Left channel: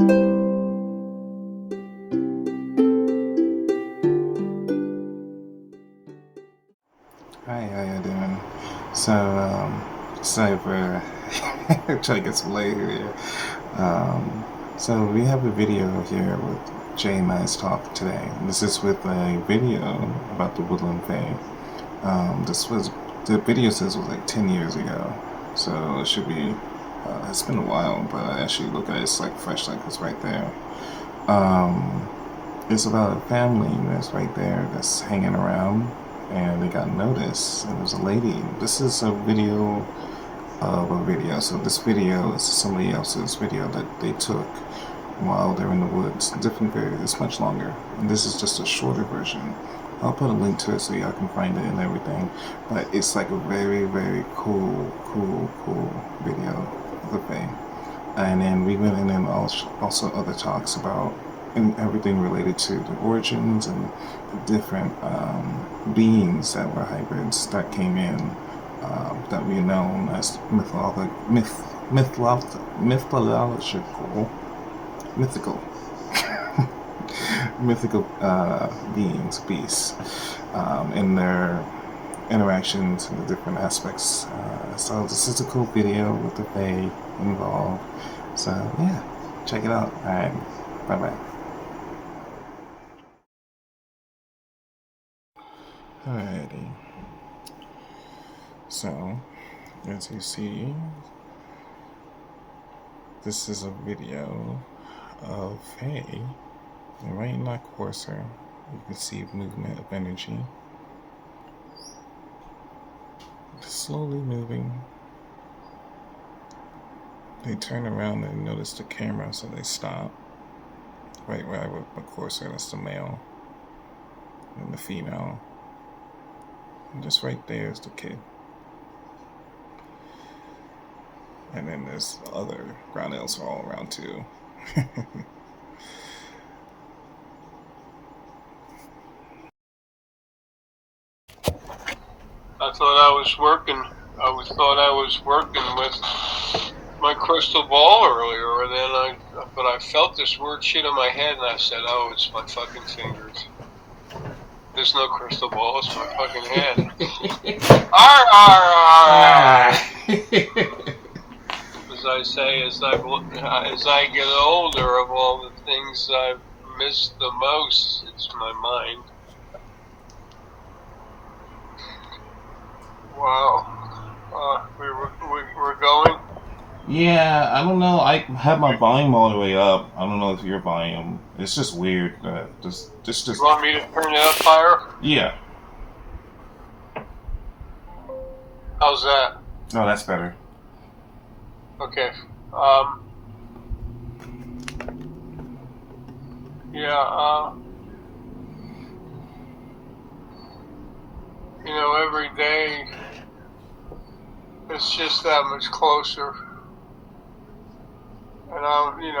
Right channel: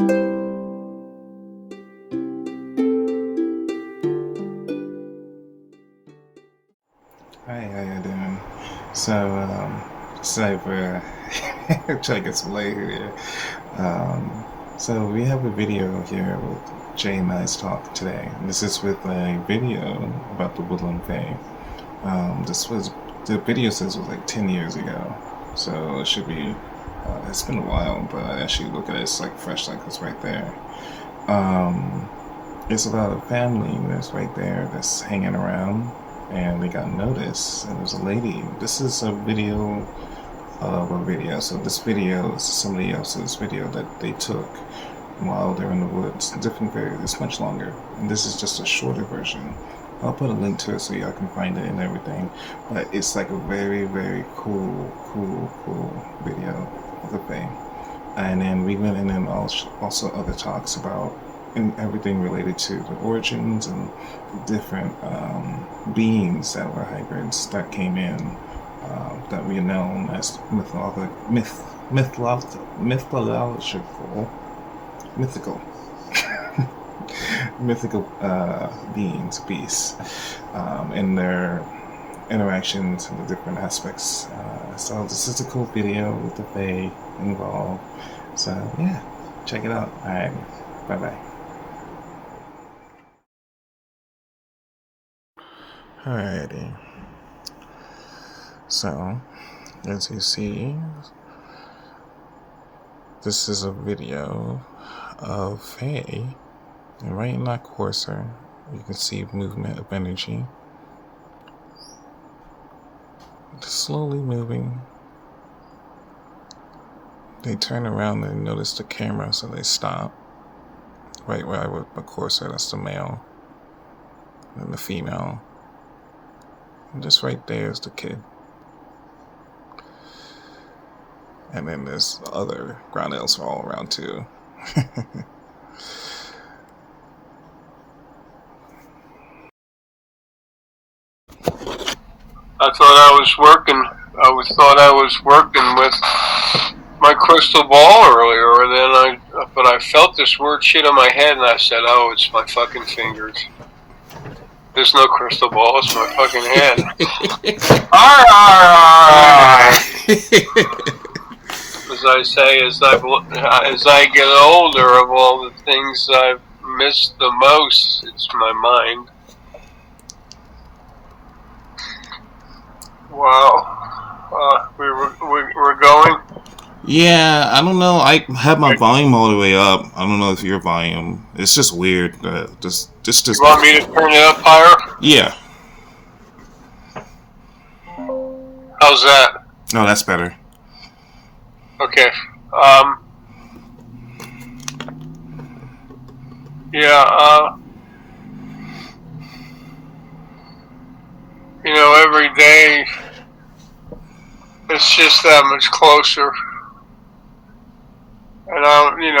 Hi, how you doing? So, sorry for trying to get some light here. So we have a video here with Jay and I's talk today. This is with a video about the Woodland Fae. This was, the video says was like 10 years ago. So it should be, it's been a while, but I actually look at it, it's like fresh, like it's right there. Um, it's about a family that's right there that's hanging around, and they got noticed, and there's a lady. This is a video of a video. So this video is somebody else's video that they took while they're in the woods. Different video. It's much longer, and this is just a shorter version. I'll put a link to it so y'all can find it and everything. But it's like a very, very cool video of the Fae. And then we went in and also other talks about and everything related to the origins and the different beings that were hybrids that came in, that we know as mythical mythical beings, beasts, and their interactions and the different aspects. So this is a cool video with the Fae involved. So yeah, check it out. Alright, bye bye. Alrighty. So, as you see, this is a video of Fae, and right in that cursor, you can see movement of energy. Slowly moving. They turn around and notice the camera, so they stop. Right where I would the cursor, that's the male, and the female. And just right there is the kid. And then there's other ground elves all around too. I thought I was working. Thought I was working with my crystal ball earlier, and then but I felt this weird shit on my head, and I said, "Oh, it's my fucking fingers." There's no crystal ball. It's my fucking head. As I say, as I get older, of all the things I've missed the most, it's my mind. Wow. We're going? Yeah, I don't know. I have my volume all the way up. I don't know if your volume. It's just weird. Just. You want me to turn it up higher? Yeah. How's that? Oh, that's better. Okay. Yeah. You know, every day it's just that much closer. And I've been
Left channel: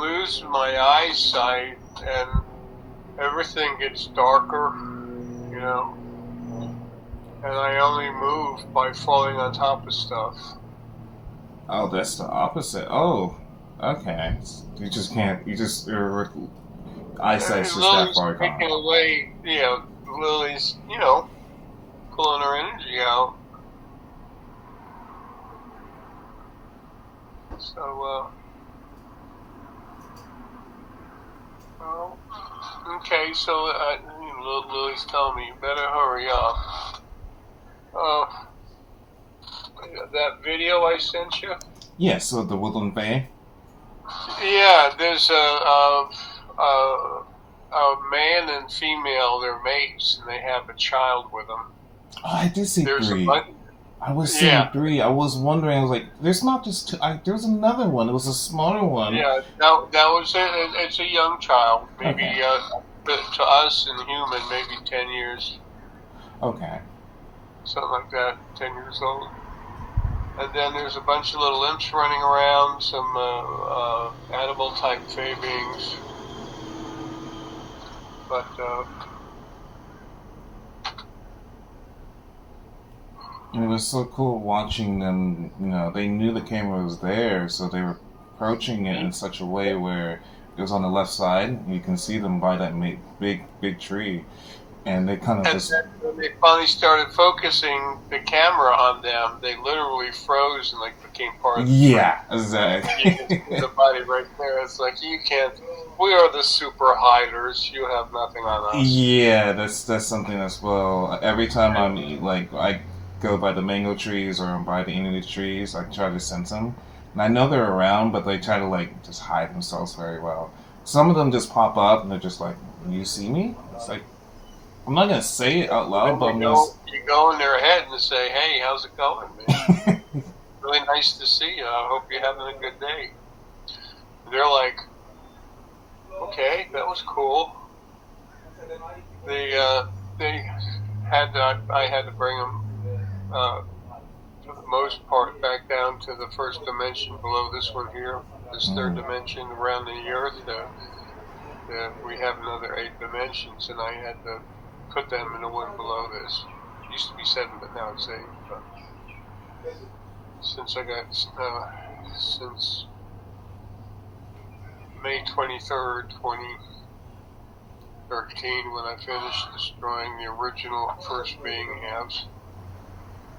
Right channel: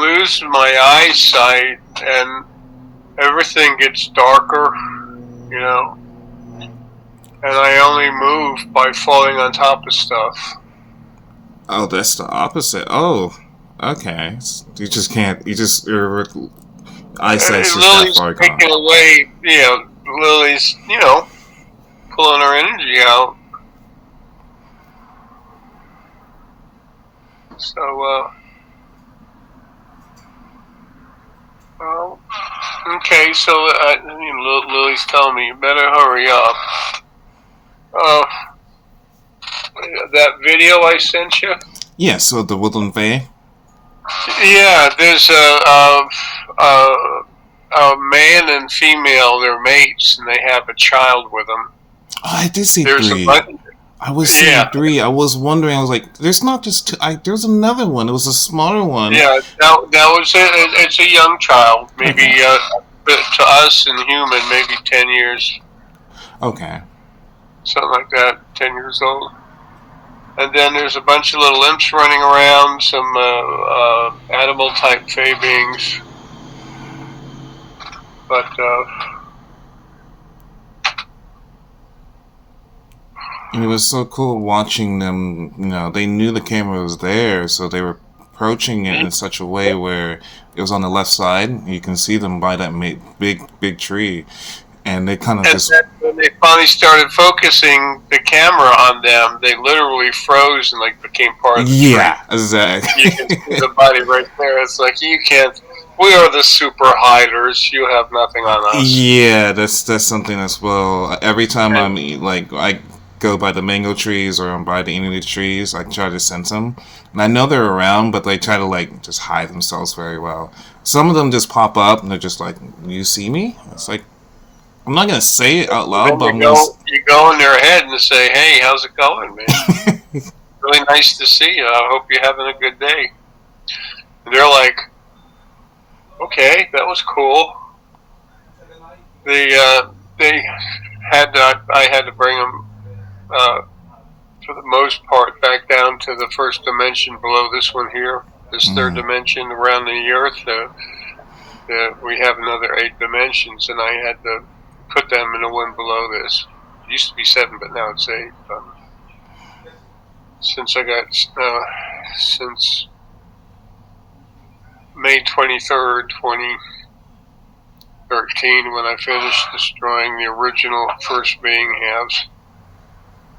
losing my eyesight, and everything gets darker, and I only move by falling on top of stuff. Oh, that's the opposite. Oh, okay. You just can't. Your eyesight's just that far gone. Taking away, Lily's, pulling her energy out. So, okay, so Lily's telling me you better hurry up. That video I sent you? Yeah, so the Woodland Fae? Yeah, there's a man and female, they're mates, and they have a child with them. Oh, I did see three. I was seeing three. I was wondering, I was like, there's not just two. There's another one. It was a smaller one. Yeah, that was it's a young child. Maybe, to us and human, maybe 10 years. Okay. Something like that, 10 years old. And then there's a bunch of little imps running around, some animal-type Fae beings. But, and it was so cool watching them. They knew the camera was there, so they were approaching it in such a way where it was on the left side. You can see them by that big tree, and they kind of And just then when they finally started focusing the camera on them, they literally froze and like became part of the tree. yeah, exactly. You can see the body right there. It's like you can't. We are the super hiders. You have nothing on us. Yeah, that's something as well. Every time And like I go by the mango trees or I'm by the English trees, I try to sense them, and I know they're around, but they try to like just hide themselves very well. Some of them just pop up and they're just like, "You see me?" It's like I'm not gonna say it out loud, then but I'm gonna. you go in their head and say, "Hey, how's it going, man? Really nice to see you. I hope you're having a good day." And they're like, "Okay, that was cool." They had I had to bring them uh, for the most part back down to the first dimension below this one here, this third Mm, dimension around the Earth. We have another 8 dimensions, and I had to put them in the one below this. It used to be 7, but now it's 8. Since I got since May 23rd, 2013, when I finished destroying the original first being halves.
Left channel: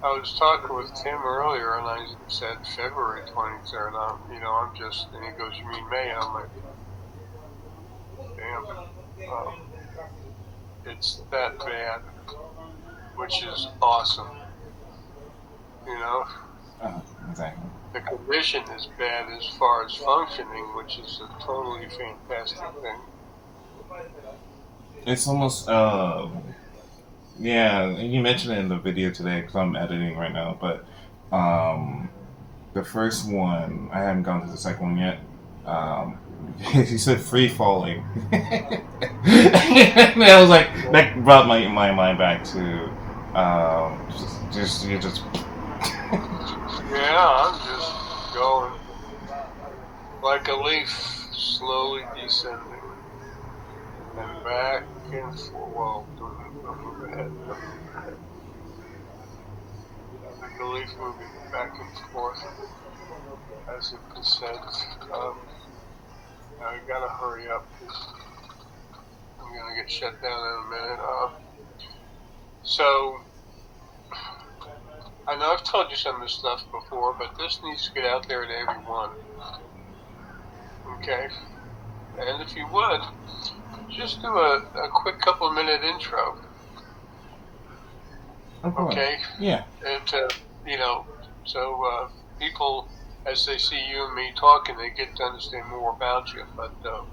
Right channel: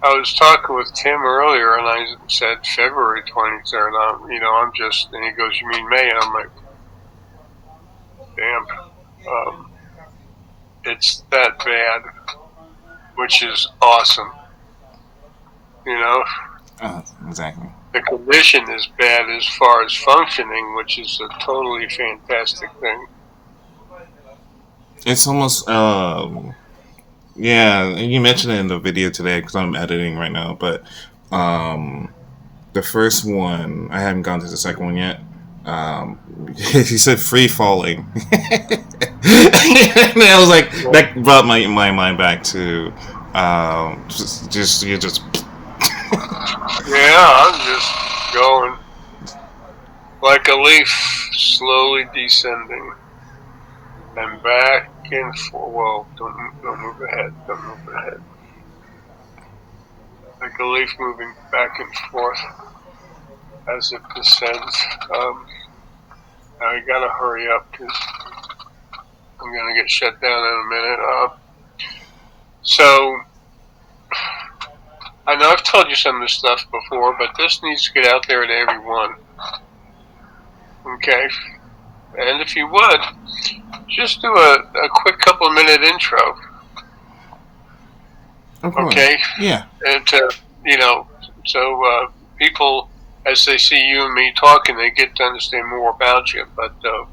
I was talking with Tim earlier, and I said February 23rd. I'm just, and he goes, "You mean May?" And I'm like, "Damn, um, it's that bad," which is awesome. You know, exactly. the condition is bad as far as functioning, which is a totally fantastic thing. It's almost yeah. You mentioned it in the video today because I'm editing right now, but um, the first one, I haven't gone to the second one yet. Um, he said free falling. And I was like, that brought my mind back to just you just Yeah, I'm just going like a leaf, slowly descending and back and forth. Well, don't move ahead. Don't move ahead. Like a leaf moving back and forth as it descends. Now I gotta hurry up because I'm gonna get shut down in a minute. So I know I've told you some of this stuff before, but this needs to get out there to everyone. Okay, and if you would, just do a quick couple of minute intro. of course, Okay, yeah. and so people, as they see you and me talking, they get to understand more about you. But um,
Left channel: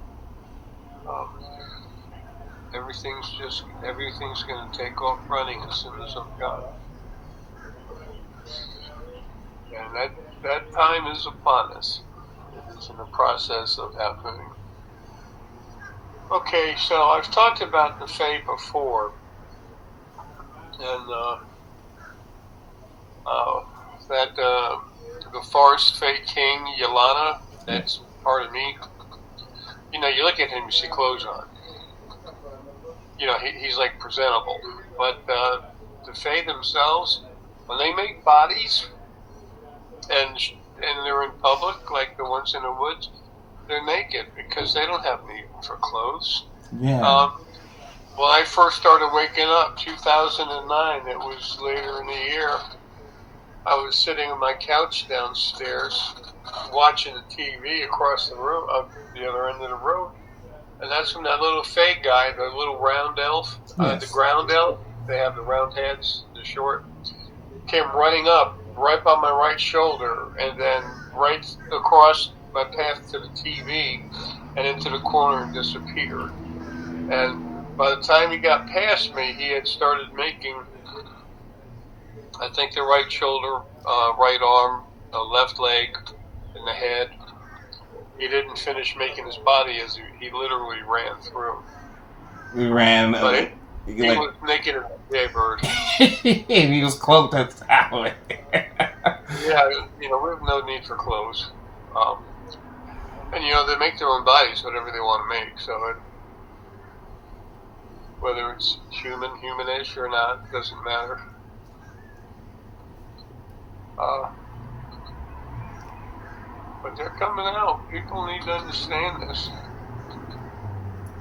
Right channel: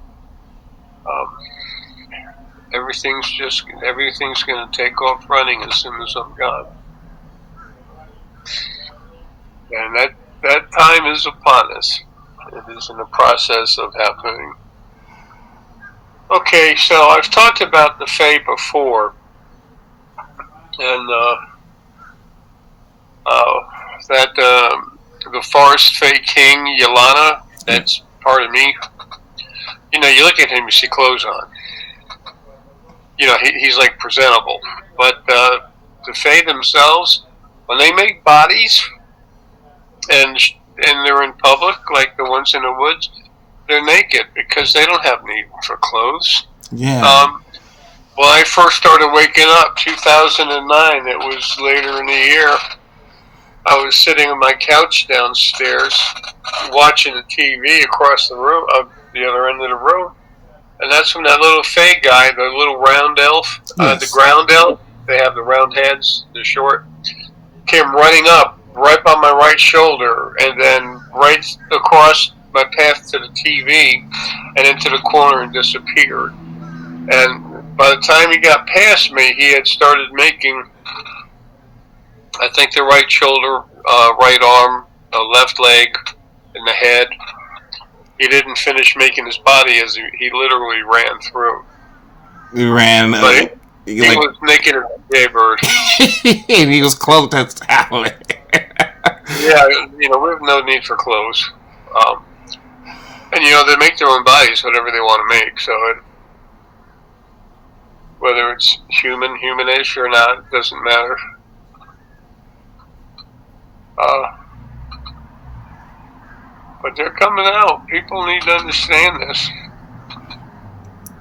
everything's going to take off running as soon as I'm gone, and that time is upon us. It is in the process of happening. Okay, so I've talked about the Fae before, and uh, that the Forest Fae King Yalana, Yeah. that's part of me. You look at him, you see clothes on. He's like presentable. But the Fae themselves, when they make bodies and they're in public, like the ones in the woods, they're naked because they don't have need for clothes. Yeah. Um, when I first started waking up, 2009, it was later in the year. I was sitting on my couch downstairs watching the TV across the room, the other end of the room, and that's when that little Fae guy, the little round elf, the Yes. ground elf, they have the round heads, they're short, came running up right by my right shoulder and then right across my path to the TV and into the corner and disappeared. And by the time he got past me, he had started making, I think, the right shoulder, right arm, left leg, and the head. He didn't finish making his body as he literally ran through. We ran But he like was naked as a jaybird. and he was clothed as talent. Yeah, we have no need for clothes. Um, and they make their own bodies, whatever they want to make. So whether it's humanish or not, it doesn't matter. Uh, But they're coming out. People need to understand this.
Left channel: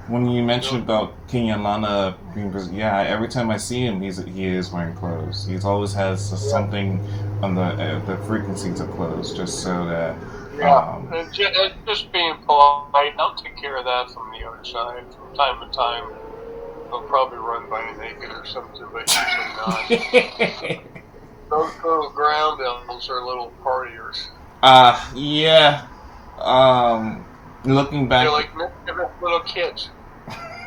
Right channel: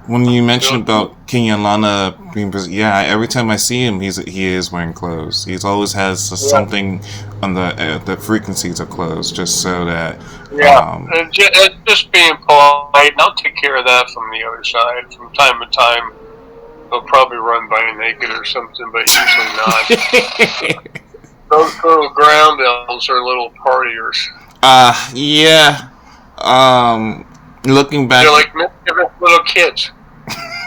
When you mentioned They'll, about King Lana being, yeah, every time I see him, he is wearing clothes. He always has yeah, something on the frequencies of clothes, just so that. yeah. Um, It's just being polite, and I'll take care of that from the other side. From time to time, they'll probably run by naked or something, but usually not. Those little ground elves are little partiers. yeah. Looking They're back, like mischievous little kids.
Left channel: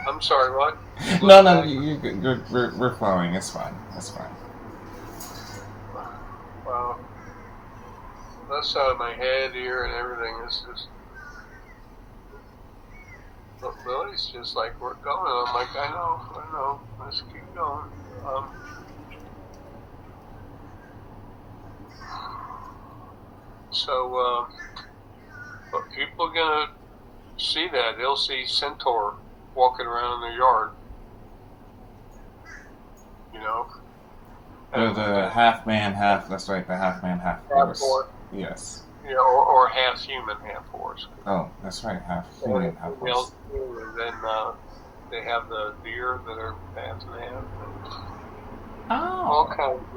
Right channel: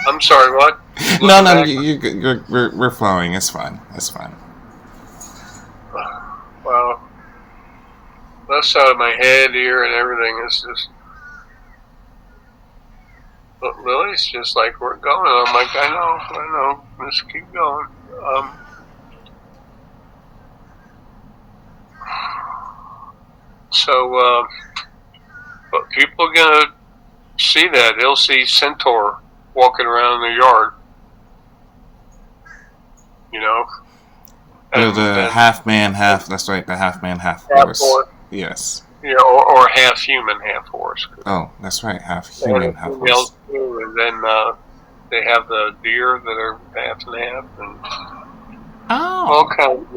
I'm sorry, what? no, Looking no, back? we're flowing. It's fine. It's fine. Wow. Left side of my head, ear, and everything is just. But Lily's just like, we're going. I'm like, I know. Let's keep going. Um, so, but people are gonna see that. They'll see Centaur walking around the yard, you know, The and half man, half. That's right. The half man, half half horse. horse, Yes. you know, or half human, half horse. Oh, that's right. Half They have human, the half females horse. too, and then they have the deer that are half and half, and all Oh. kinds,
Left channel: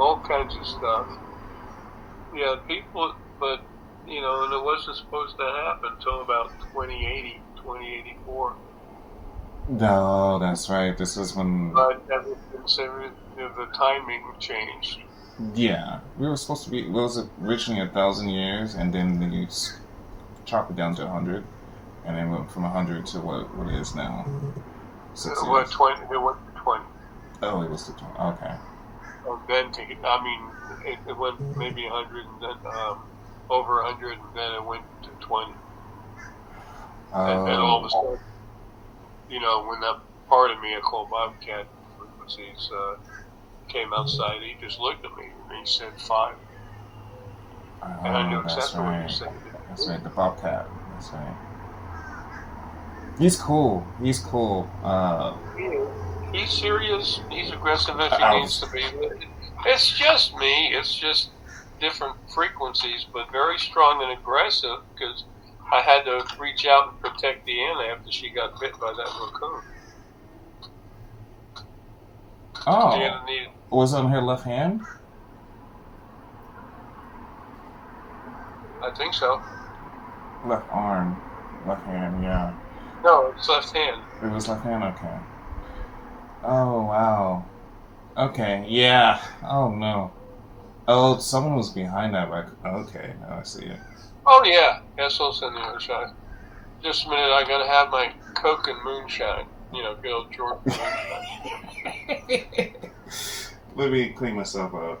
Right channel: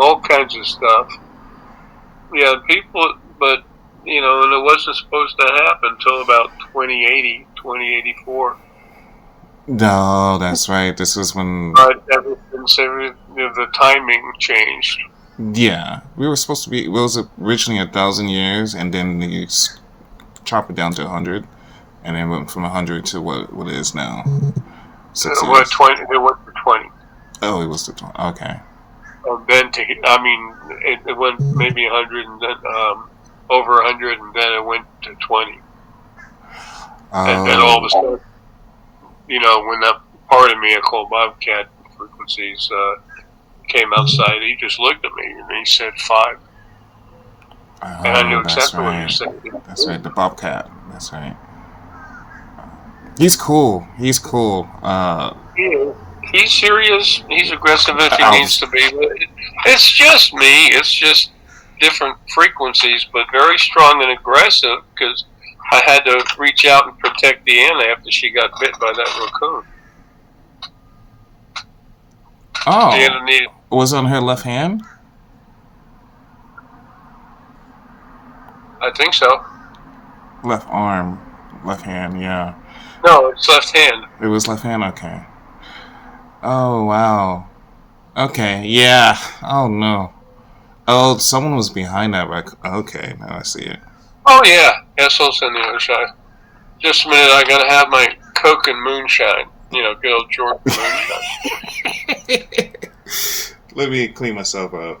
all kinds of stuff. Yeah, people, but you know, and it wasn't supposed to happen until about 2080, 2084. No, that's right. This was when. But ever since the timing changed. Yeah, we were supposed to be. It was originally 1,000 years, and then they chop it down to 100, and then went from 100 to what it is now. 6 years. 20? It went to 20. Oh, it was the 20. Okay. Then I mean, it went maybe 100, and then over 100, and then it went to 20. And then all of a Oh. sudden, you know, when that part of me I call Bobcat frequencies came outside, he just looked at me and he said 5. And I knew Oh, that's exactly what you right. said. That's right. The bobcat. That's right. He's cool. He's cool. He's serious. He's aggressive if he Ow. needs to be. It's just me. It's just different frequencies, but very strong and aggressive because I had to reach out and protect Deanna after she got bit by that raccoon. Oh, Deanna needed. was it on her left hand? I think so. Left arm. Left hand, yeah. No, it's left hand. It was left hand? Okay. Oh, wow. Okay, yeah. Oh, no. Oh, someone was behind that. Okay, now I see it. Oh yeah, Essel's on the other side. Just a minute, I gotta have my Coke and moonshine. You know, good old Jordan moonshine. Let me clean myself up.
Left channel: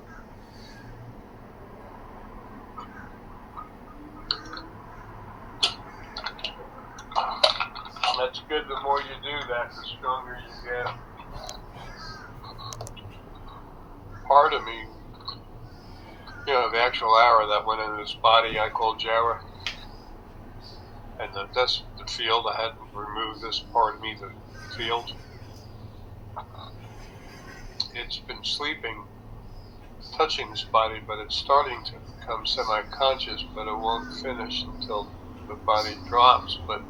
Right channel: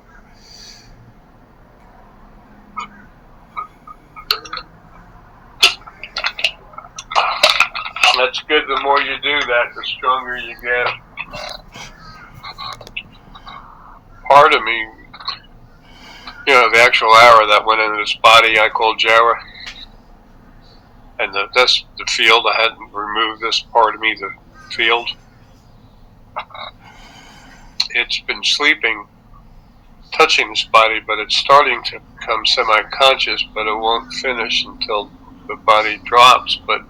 That's good. The more you do that, the stronger you get. Part of me, you know, the actual arrow that went into this body I called Jara. And that's the field. I hadn't removed this part of me, the field. It's been sleeping, touching this body, but it's starting to become semi-conscious, but it won't finish until the body drops. But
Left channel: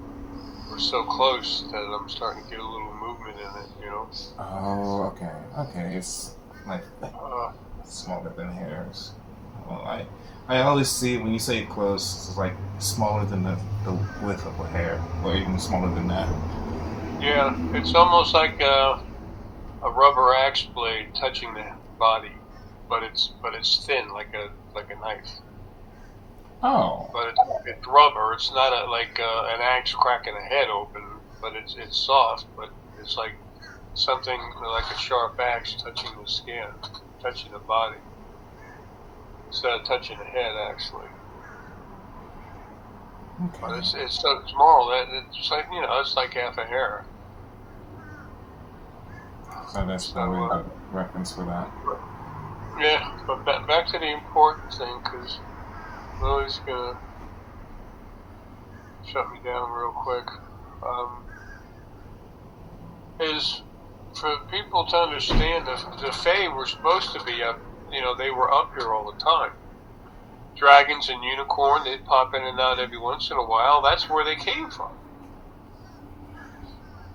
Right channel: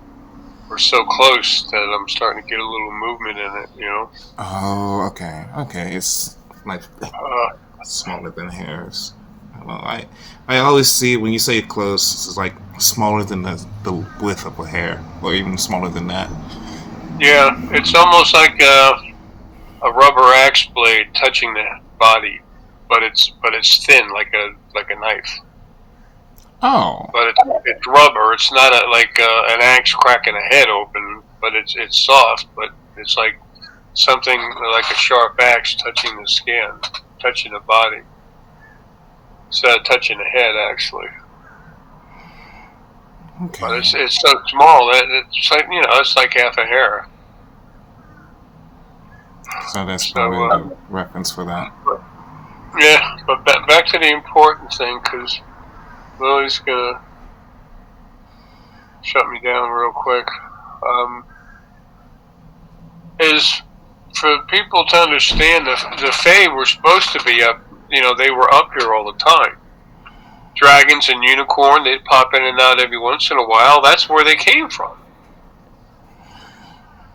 we're so close that I'm starting to get a little movement in it, you know. Oh, okay. Okay, it's like Uh, smaller than hairs. Well, I always see when you say close, it's like smaller than the width of a hair, or even smaller than that. yeah, it's almost like a rubber axe blade touching the body, but it's thin like a knife. Oh, But it's rubber. It's not like an axe cracking a head open, but it's soft. But it's like something like a sharp axe touching the skin, touching the body, instead of touching the head actually. But okay. it's so small that it's like, you know, it's like half a hair. So that's probably So the reference for that. yeah, but back to the important thing, because Lily's gonna shut me down real quick. Is for people to understand the Fae were supposed to be up. You know, they were up here all the time. dragons and unicorn, they'd pop in and out every once in a while. That's where they came from.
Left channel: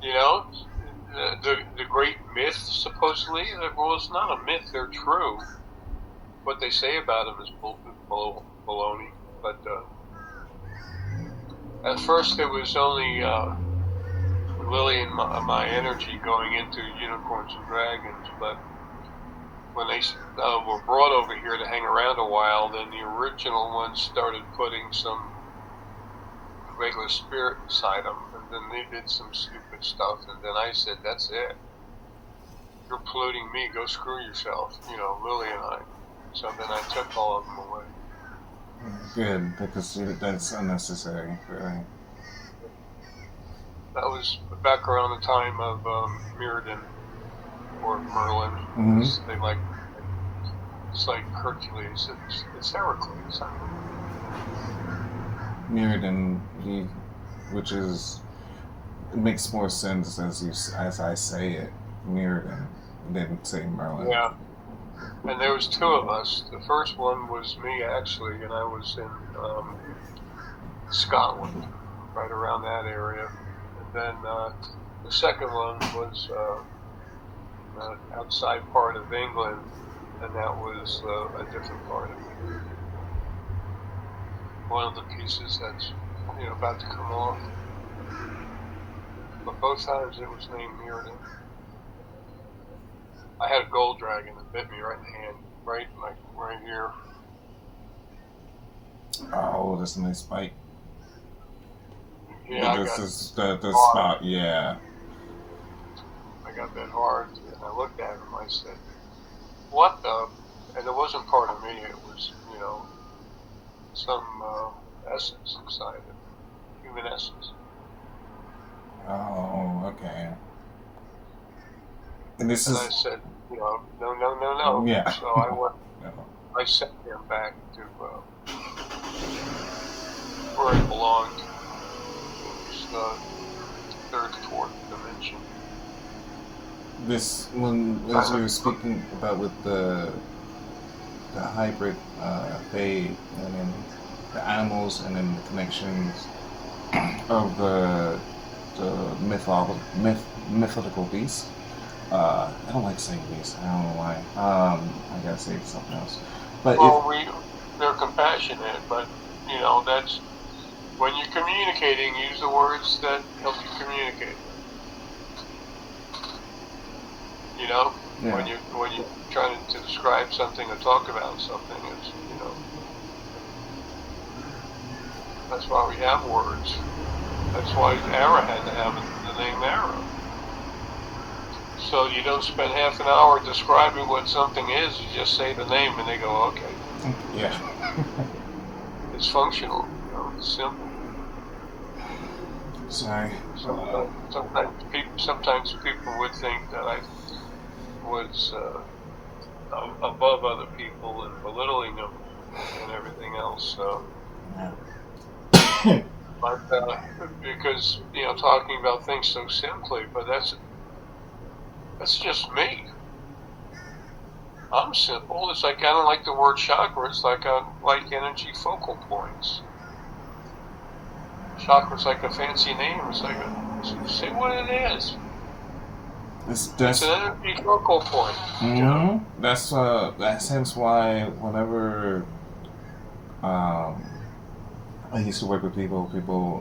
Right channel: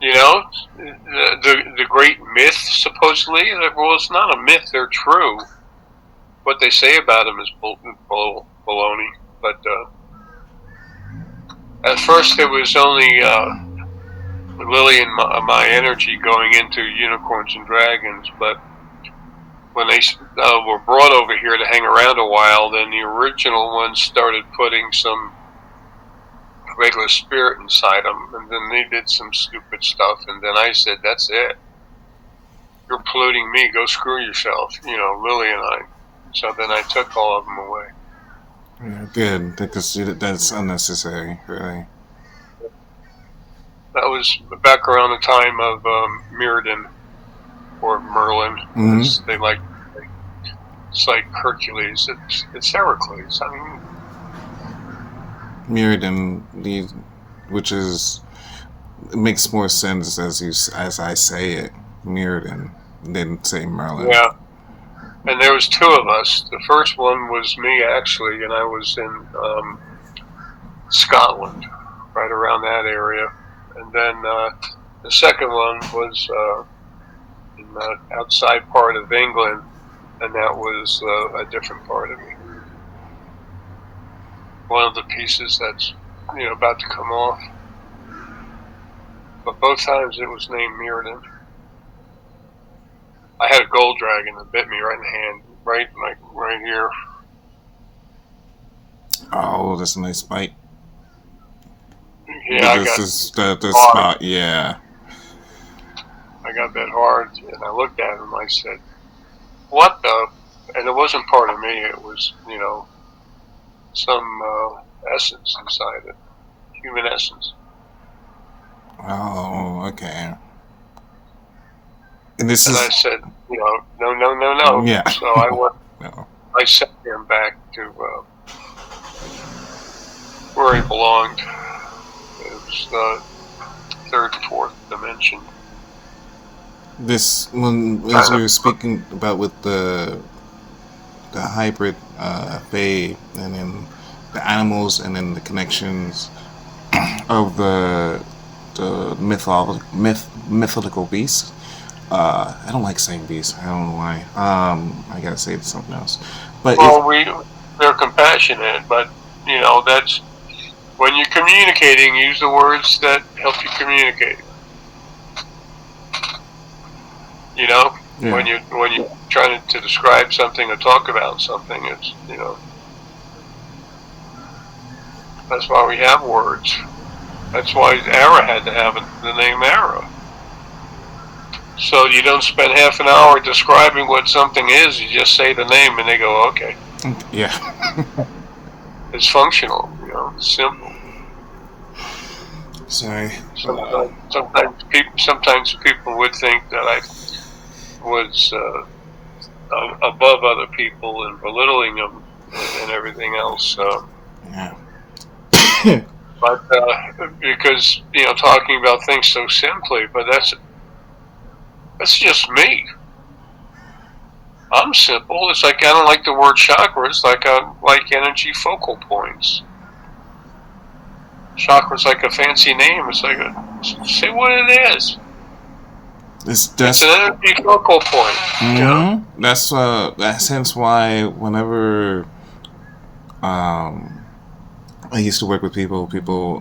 You know, the great myth, supposedly. Well, it's not a myth, they're true. What they say about them is baloney. But at first it was only Lily and my energy going into unicorns and dragons, but when they were brought over here to hang around a while, then the original ones started putting some regular spirit inside them, and then they did some stupid stuff, and then I said, that's it. You're polluting me, go screw yourself, Lily and I. So then I took all of them away. Yeah, good, because that's unnecessary, really. That was back around the time of Mirrodin or Merlin. Mm-hmm. They like, it's like Hercules. It's Heracles. I mean, Mirrodin, which is, it makes more sense as I say it, Mirrodin, than say Merlin. yeah. And there was two of us. The first one was me, actually, and I was in Scotland, right around that area. And then the second one was in the outside part of England, and that was a different part of me. One of the pieces that's about to come off. But both times it was named Mirrodin. I had a gold dragon that bit me right in the hand, right here. Oh, that's a nice bite. Yeah, this is the spot, yeah. I got that hard, and I looked at him. I said, "What the?" And it wasn't part of me. It was, some essence inside it, human essence. Oh, okay. And I said, no. Yeah. So I went. No. I sent him back to where he belonged. It was the third, fourth dimension. This, as we were speaking about with the hybrid Fae, and then the animals, and then the connections of the mythical beasts. I don't like saying beast. I don't know why. I gotta say something else. But they're compassionate, but that's when you're communicating. Use the words that help you communicate. Yeah. When you're trying to describe something or talk about something, it's that's why we have words. That's why Ara had to have the name Ara. So you don't spend half an hour describing what something is. You just say the name, and they go, "Okay." Yeah. It's functional. It's simple. Sorry. Sometimes people would think that I was above other people and belittling them and everything else. Yeah. But because talking about things so simply, but that's just me. I'm simple. It's like I don't like the word chakra. It's like I like energy focal points. Chakra's like a fancy name. It's like say what it is. It's an energy focal point. Mm-hmm. That's hence why whenever I used to work with people,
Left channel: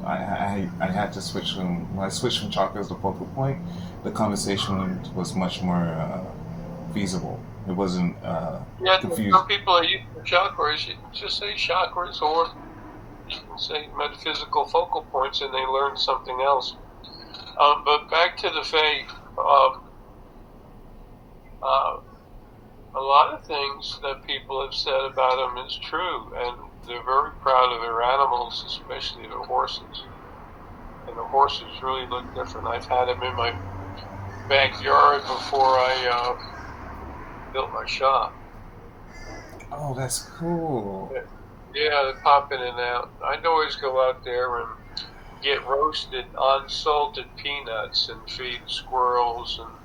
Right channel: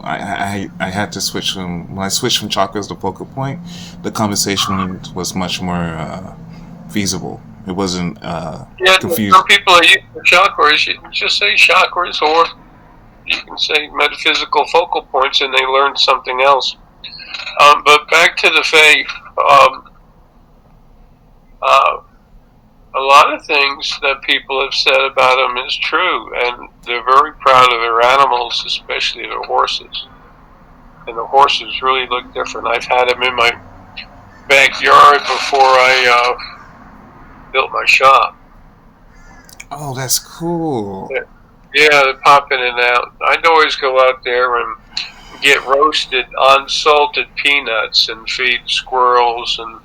I had to switch when I switched from chakras to focal point, the conversation was much more feasible. It wasn't confused. Some people are used to chakras. You can just say chakras, or you can say metaphysical focal points, and they learn something else. But back to the Fae, a lot of things that people have said about them is true, and they're very proud of their animals, especially their horses. And the horses really look different. I've had them in my backyard before I built my shop. Oh, that's cool. Yeah, they pop in and out. I'd always go out there and get roasted, unsalted peanuts and feed squirrels and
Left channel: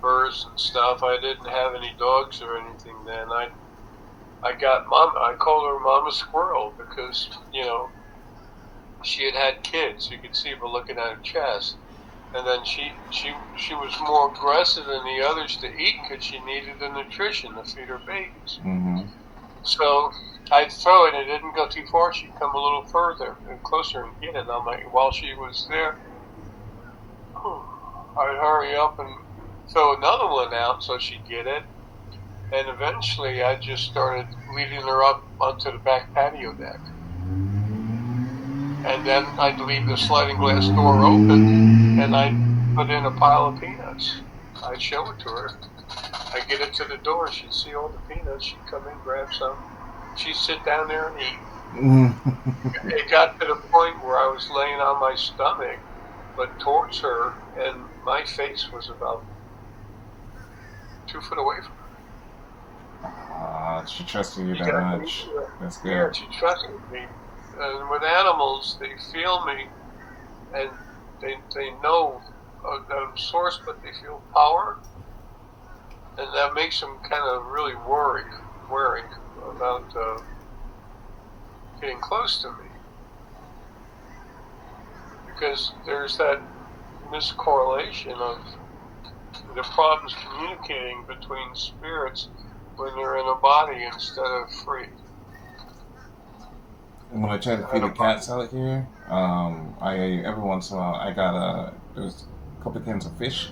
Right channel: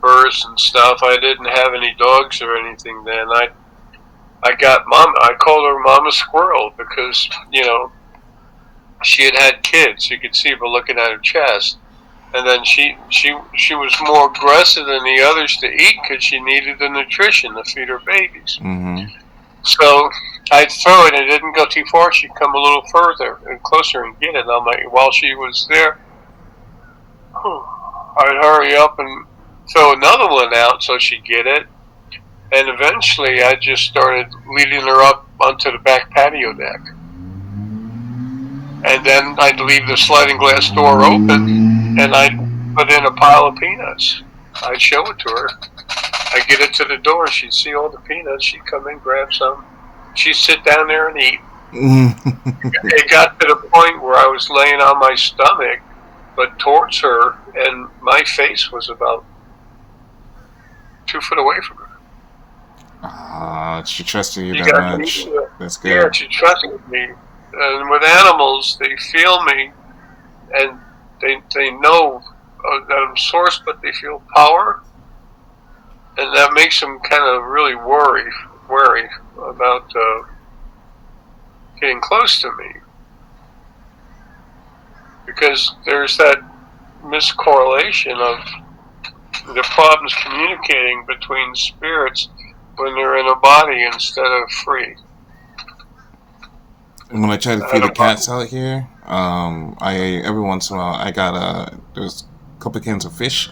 birds and stuff. I didn't have any dogs or anything then. I'd I got mom. I called her Mama Squirrel because she had had kids. You could see her looking at her chest, and then she was more aggressive than the others to eat because she needed the nutrition to feed her babies. Mm-hmm. So I'd throw it, and it didn't go too far. She'd come a little further and closer and get it. While she was there, I'd hurry up and throw another one out so she'd get it. And eventually I just started leading her up onto the back patio deck. And then I'd leave the sliding glass door open and I'd put in a pile of peanuts. I'd show it to her. I'd get it to the door. She'd see all the peanuts. She'd come in, grab some. She'd sit down there and eat. It got to the point where I was laying on my stomach, but towards her, and my face was about 2 foot away from her. She trusted you that much. That's good. Yeah, she trusted me. And with animals, they feel me, and they know that I'm source, but they feel power, and that makes them kind of really wary about getting close to me, because there's that miscorrelation of the problems communicating between spirits when they're in a body instead of free. When I try to feed the cats out here, I every once in a while I got there's a couple of cans of fish,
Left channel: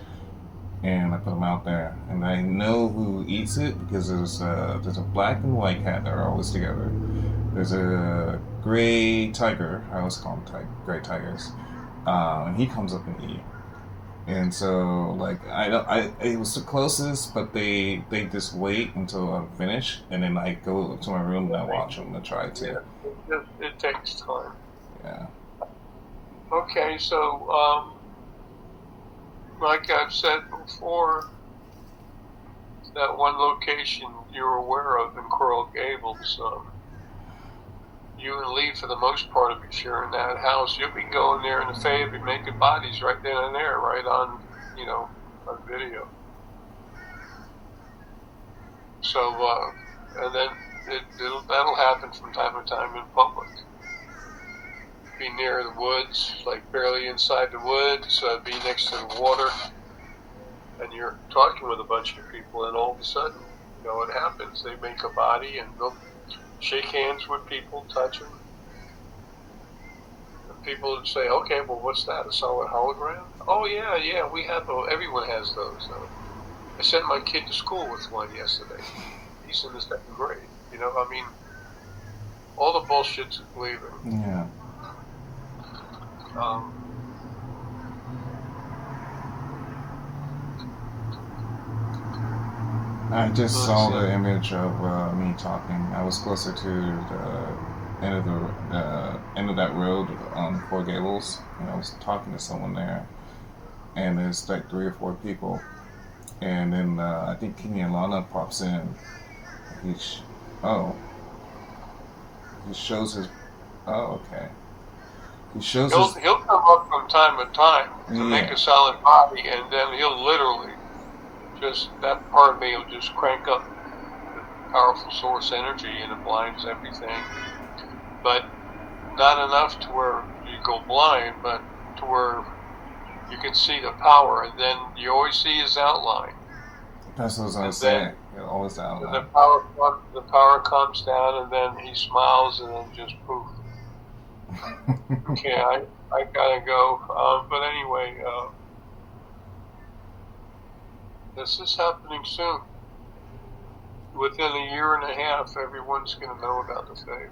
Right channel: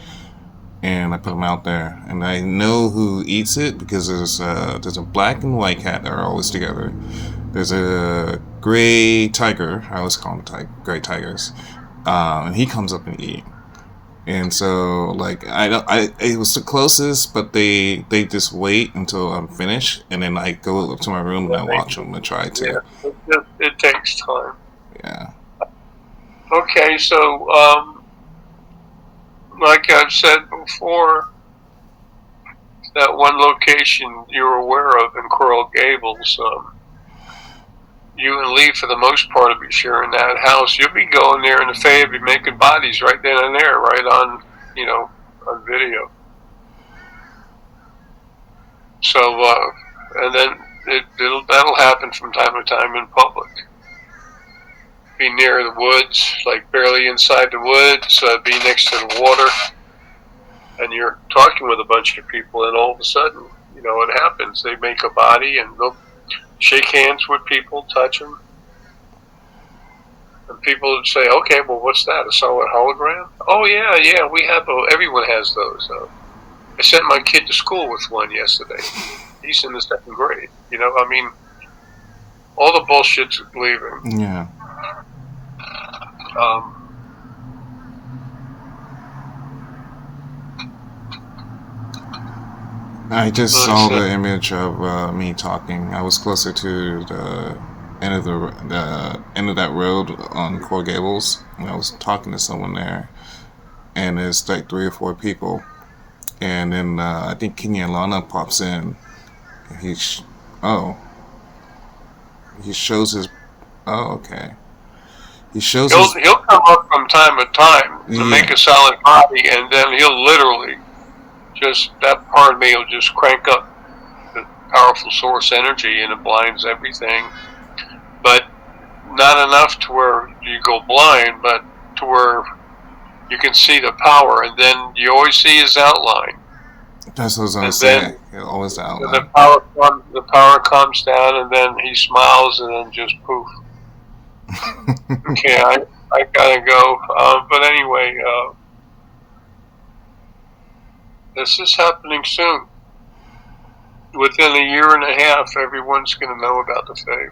and I put them out there, and I know who eats it because there's a black and white cat that are always together. There's a gray tiger. I always call them gray tigers, and he comes up and eat. And so, like, it was the closest, but they just wait until I'm finished, and then I go up to my room and I watch them and try to. Yeah, it takes time. Yeah. Okay, so like I've said before, that one location you're aware of in Coral Gables, you and Lee, for the most part, will be sharing that house. You'll be going there, and the Fae will be making bodies right then and there, right on, on video. So, and then that'll happen from time to time in public. Be near the woods, like barely inside the woods, be next to the water, and you're talking with a bunch of people, and all of a sudden, it happens. They make a body, and they'll shake hands with people, touch them, and people would say, "Okay, well, what's that? A solid hologram?" "Oh yeah, we have. Everyone has those." I sent my kid to school with one yesterday. He's in the 2nd grade. All the bullshit's believing. Yeah. I just saw the image of me talking. I was closer to the end of the end of that road on Coral Gables, and I was talking to someone there, and there's like 3 or 4 people, and then I think Kenya Lana pops in. He shows his. Oh, okay. He shows. He'll come up from time to time to make a solid body, and then he'll literally. That part of me will just crank up the powerful source energy, and it blinds everything. But not enough to where you go blind, but to where you can see the power, and then you always see his outline. That's what I was going to say. Always the outline. The power comes down, and then he smiles, and then just poof. Okay, I gotta go. But anyway. This is happening soon. Within a year and a half, everyone's going to know about the Fae.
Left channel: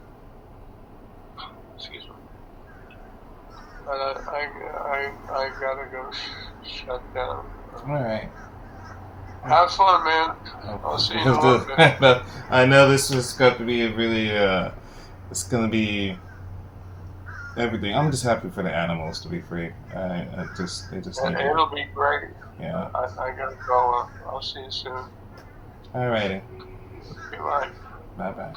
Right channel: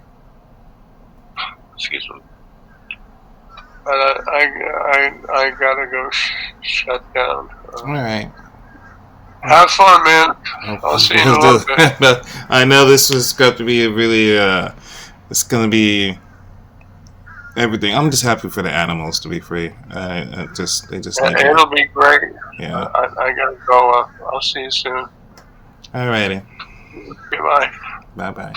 Excuse me. But I gotta go shut down. All right. Have fun, man. I'll see you in a little bit. I know this was got to be a really. It's going to be everything. I'm just happy for the animals to be free. They just need it'll be great. Yeah. I gotta go. I'll see you soon. Alrighty. Goodbye. Bye bye.